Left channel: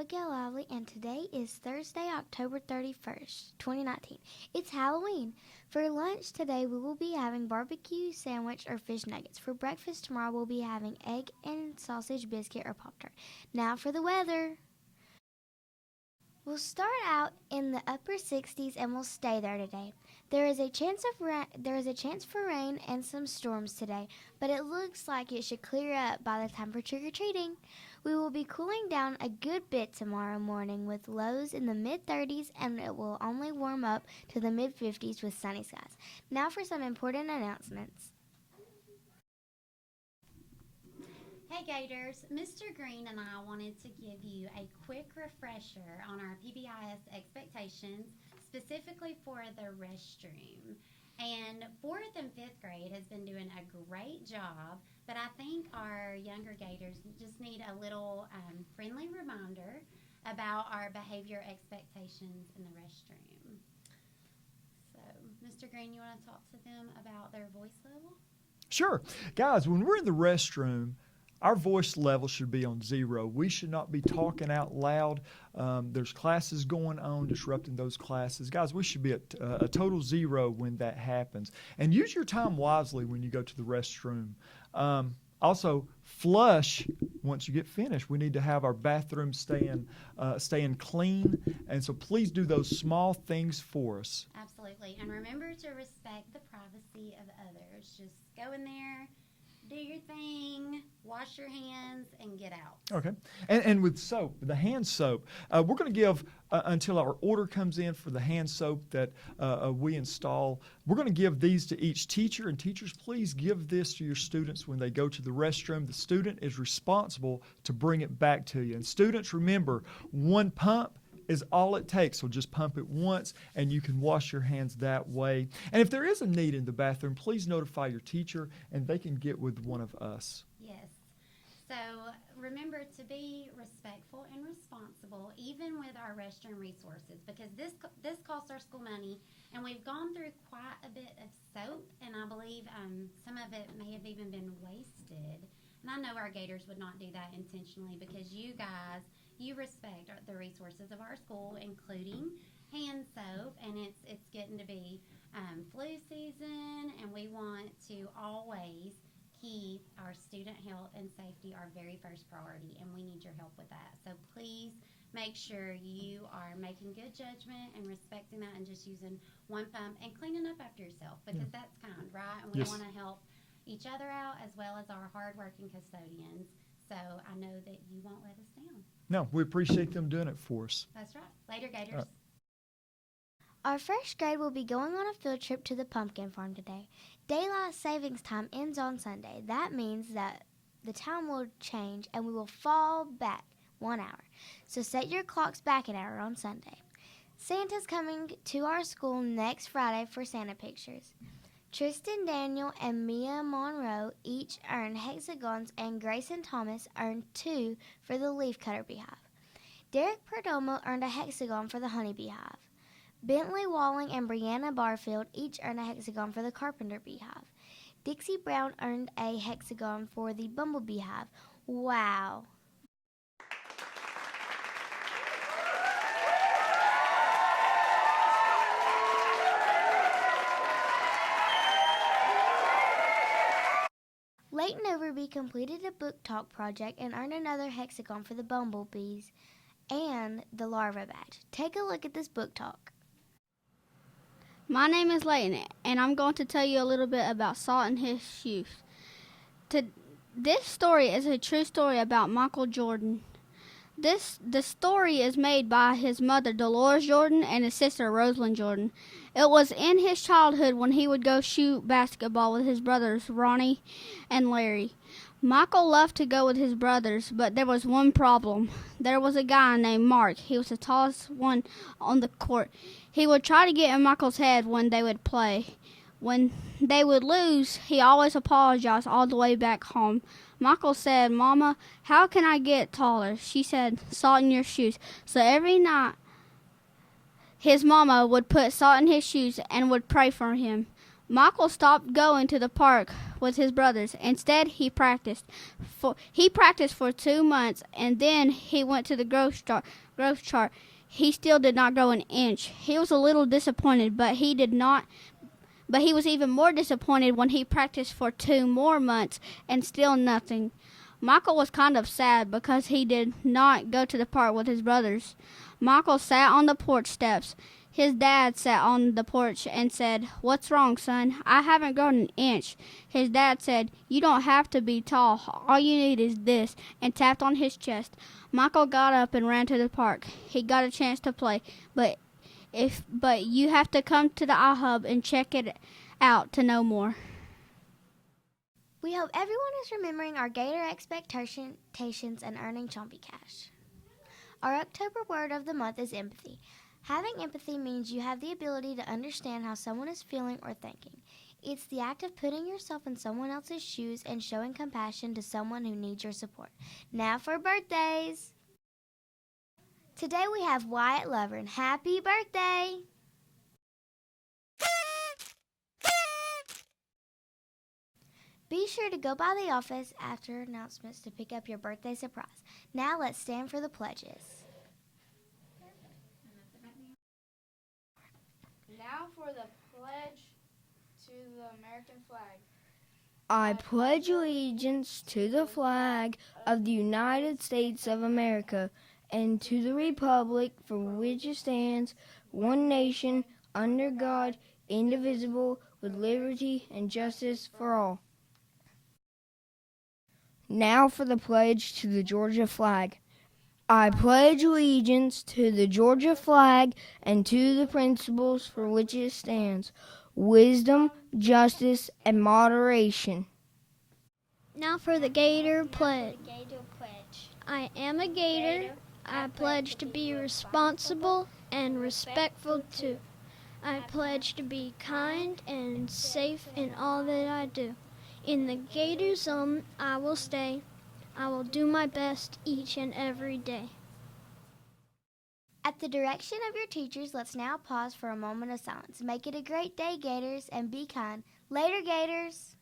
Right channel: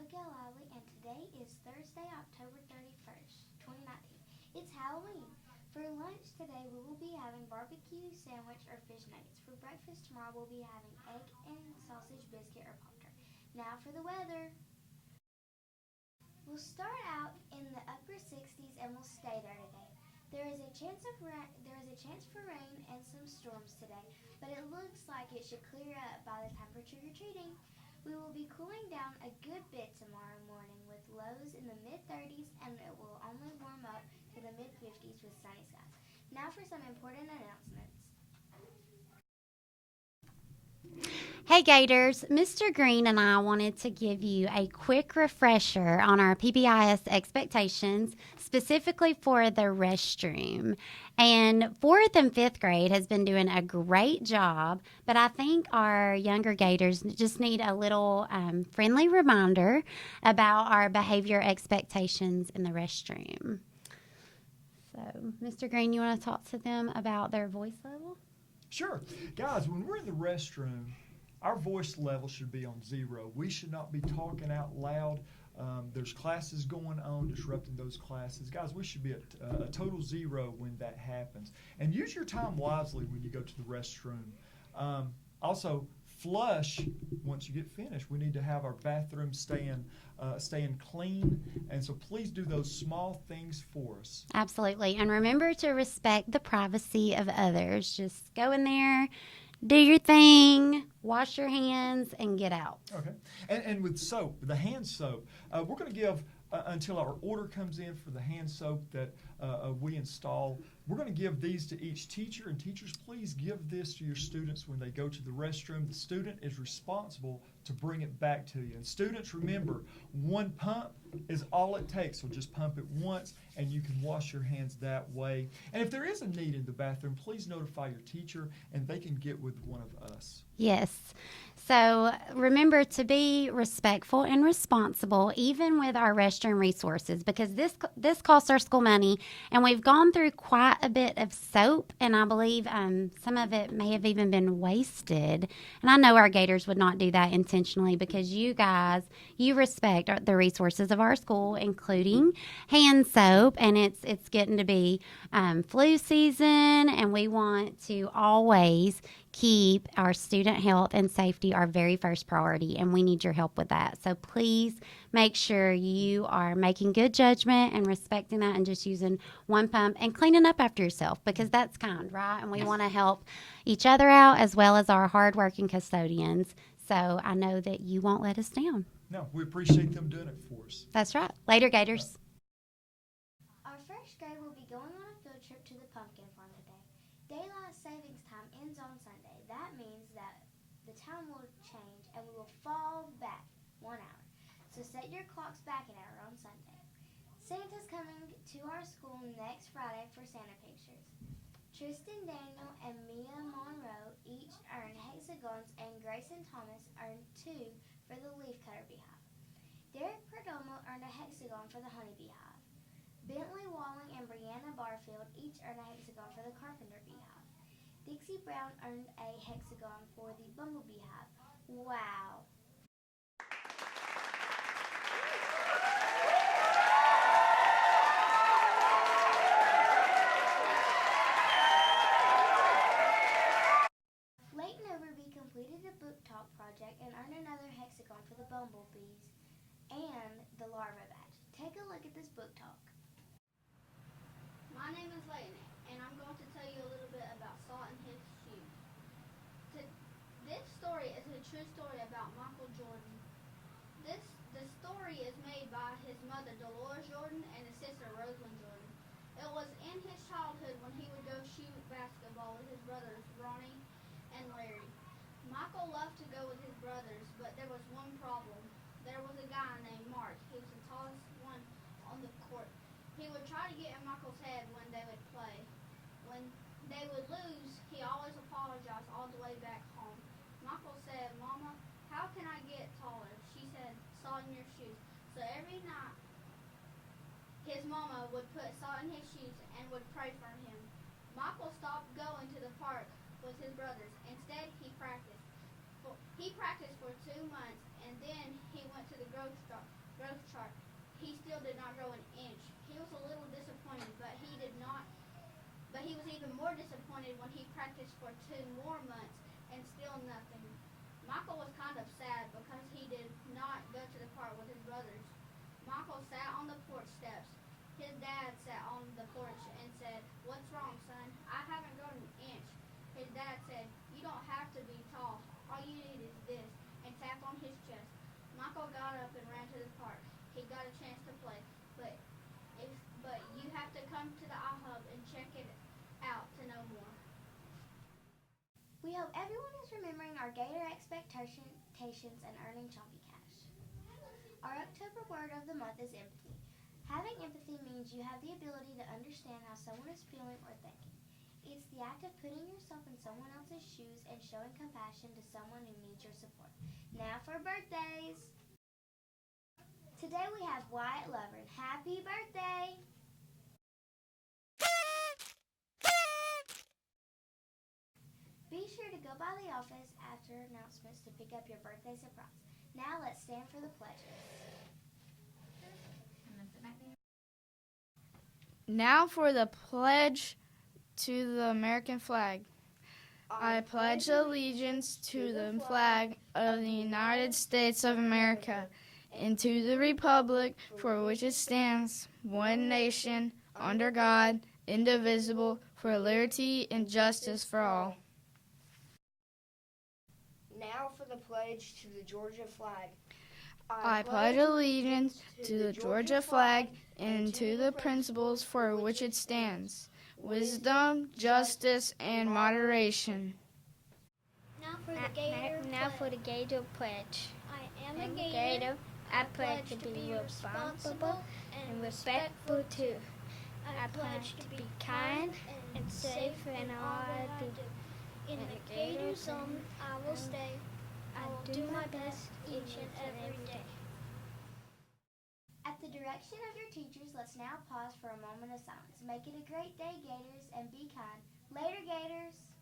Abigail Lively, and today is Thursday, October 31st, 2019. It's Halloween. For lunch today, we will be having barbecue sandwich or fish nuggets. For breakfast tomorrow, we'll be having egg and sausage biscuit or Pop-Tart. Now for the weather. We'll start out in the upper 60s and we'll stay there today. There is a chance for rain and some storms today, but it looks like it should clear up by the time for trick-or-treating. We will be cooling down a good bit tomorrow morning with lows in the mid-30s, and it will only warm up to the mid-50s with sunny skies. Now for some important announcements. Hey Gators, Mr. Green and I wanted to give you a quick refresher on our PBIS expectations, specifically for the restroom. And 4th and 5th grade has been doing a great job, but I think our younger Gators just need a little friendly reminder about our behavior expectations in the restroom. So, Mr. Green, you want to talk to them about their voice level? Sure. Guys, when we're in the restroom, our voice level should be on 0. We should not be talking out loud. There's classes going on, disrupting those classes. Guys, we should be at a total 0 when that happens. And use your time wisely when you go to the restroom. Also, flush once you get finished. We need to have our bathroom staying clean. And so please do those small things for us. Absolutely. And remember to respect the privacy of others. Just go in there, do your thing, wash your hands, and get out. Okay. And with soap, the hand soap, we're going to give, until our order comes in for the hand soap that we install, we're going to give these to each teacher. And teachers, please give this to your students when they go to the restroom. The student is responsible to bring it back to you. And students, remember, one pump is all it takes. So just pump it once and you can wash your hands that way. And if there is a need in the bathroom, please notify your teacher and they can get with one of us. Yes. So remember to be respectful and responsible, even with our restroom resources, because this costs our school money, and we've gone through quite a bit of soap, and I believe some of it may have even been wasted. And I know our Gators would not do that intentionally, because you guys, you respect the resources of our school, including hand soap, and it's getting to be flu season, and we want to always keep our student health and safety our very first priority, and we need your help with that. So please make sure you are making good judgment and respecting that and just using one pump and cleaning up after yourself, because that's kind, right? And we want to help each other out as well as our hardworking custodians. So I know that you won't let us down. No, we appreciate them doing it for us. That's right. Later, Gators. Our first grade will be going on a field trip to the pumpkin farm today. Daylight savings time ends on Sunday. That means that the time will change and we will fall back 1 hour. So set your clocks back an hour on Sunday. Santa's coming to our school next Friday for Santa pictures. Tristan Daniel and Mia Monroe each earned hexagons, and Grayson Thomas earned 2 for the leafcutter beehive. Derek Perdomo earned a hexagon for the honeybee hive. Bentley Walling and Brianna Barfield each earned a hexagon for the carpenter beehive. Dixie Brown earned a hexagon for the bumblebee hive. Wow! Leighton Overby completed a book talk project and earned another hexagon for the bumblebees and the larva badge. Take a look at this book talk. My name is Layton, and I'm going to tell you a little bit about Salt and his shoes. This story is a true story about Michael Jordan. The story is made by his mother, Dolores Jordan, and his sister, Rosalind Jordan. It was in his childhood when he would go shoot basketball with his brothers, Ronnie and Larry. Michael loved to go with his brothers, but there was one problem. There was a guy named Mark. He was the tallest one on the court. He would try to get in Michael's head when they would play. When they would lose, he always apologized all the way back home. Michael said, "Mama, how can I get taller?" She said, "Salt in your shoes." So every night, his mama would put salt in his shoes and would pray for him. Michael stopped going to the park with his brothers. Instead, he practiced. He practiced for 2 months, and then he went to the growth chart. He still did not grow an inch. He was a little disappointed, but he was even more disappointed when he practiced for 2 more months and still nothing. Michael was kind of sad because he did not go to the park with his brothers. Michael sat on the porch steps. His dad sat on the porch and said, "What's wrong, son? I haven't grown an inch." His dad said, "You don't have to be tall. All you need is this," and tapped on his chest. Michael got up and ran to the park. He got a chance to play, but you have to come to the iHub and check it out to know more. We hope everyone is remembering our Gator expectations and earning Chompy Cash. Our October word of the month is empathy. Having empathy means you have the ability to understand how someone is feeling or thinking. It's the act of putting yourself in someone else's shoes and showing compassion to someone who needs your support. Now for birthdays! Today we have Wyatt Lovern. Happy birthday! Be sure to go by the office after announcements to pick up your birthday surprise. Now let's stand for the pledges. Now for the pledge to the American flag. I pledge allegiance to the flag of the United States of America and to the republic for which it stands, one nation, under God, indivisible, for liberty and justice for all. Now for the pledge to the Georgia flag. I pledge allegiance to the Georgia flag and to the principles for which it stands, wisdom, justice, and moderation. Now for the Gator pledge. I am a Gator. I pledge to be responsible and respectful too. I pledge to be kind and safe in all that I do. In the Gator Zone, I will stay. I will do my best each and every day. At the direction of your teachers, let's now pause for a moment of silence. Make it a great day, Gators, and be kind. Later, Gators!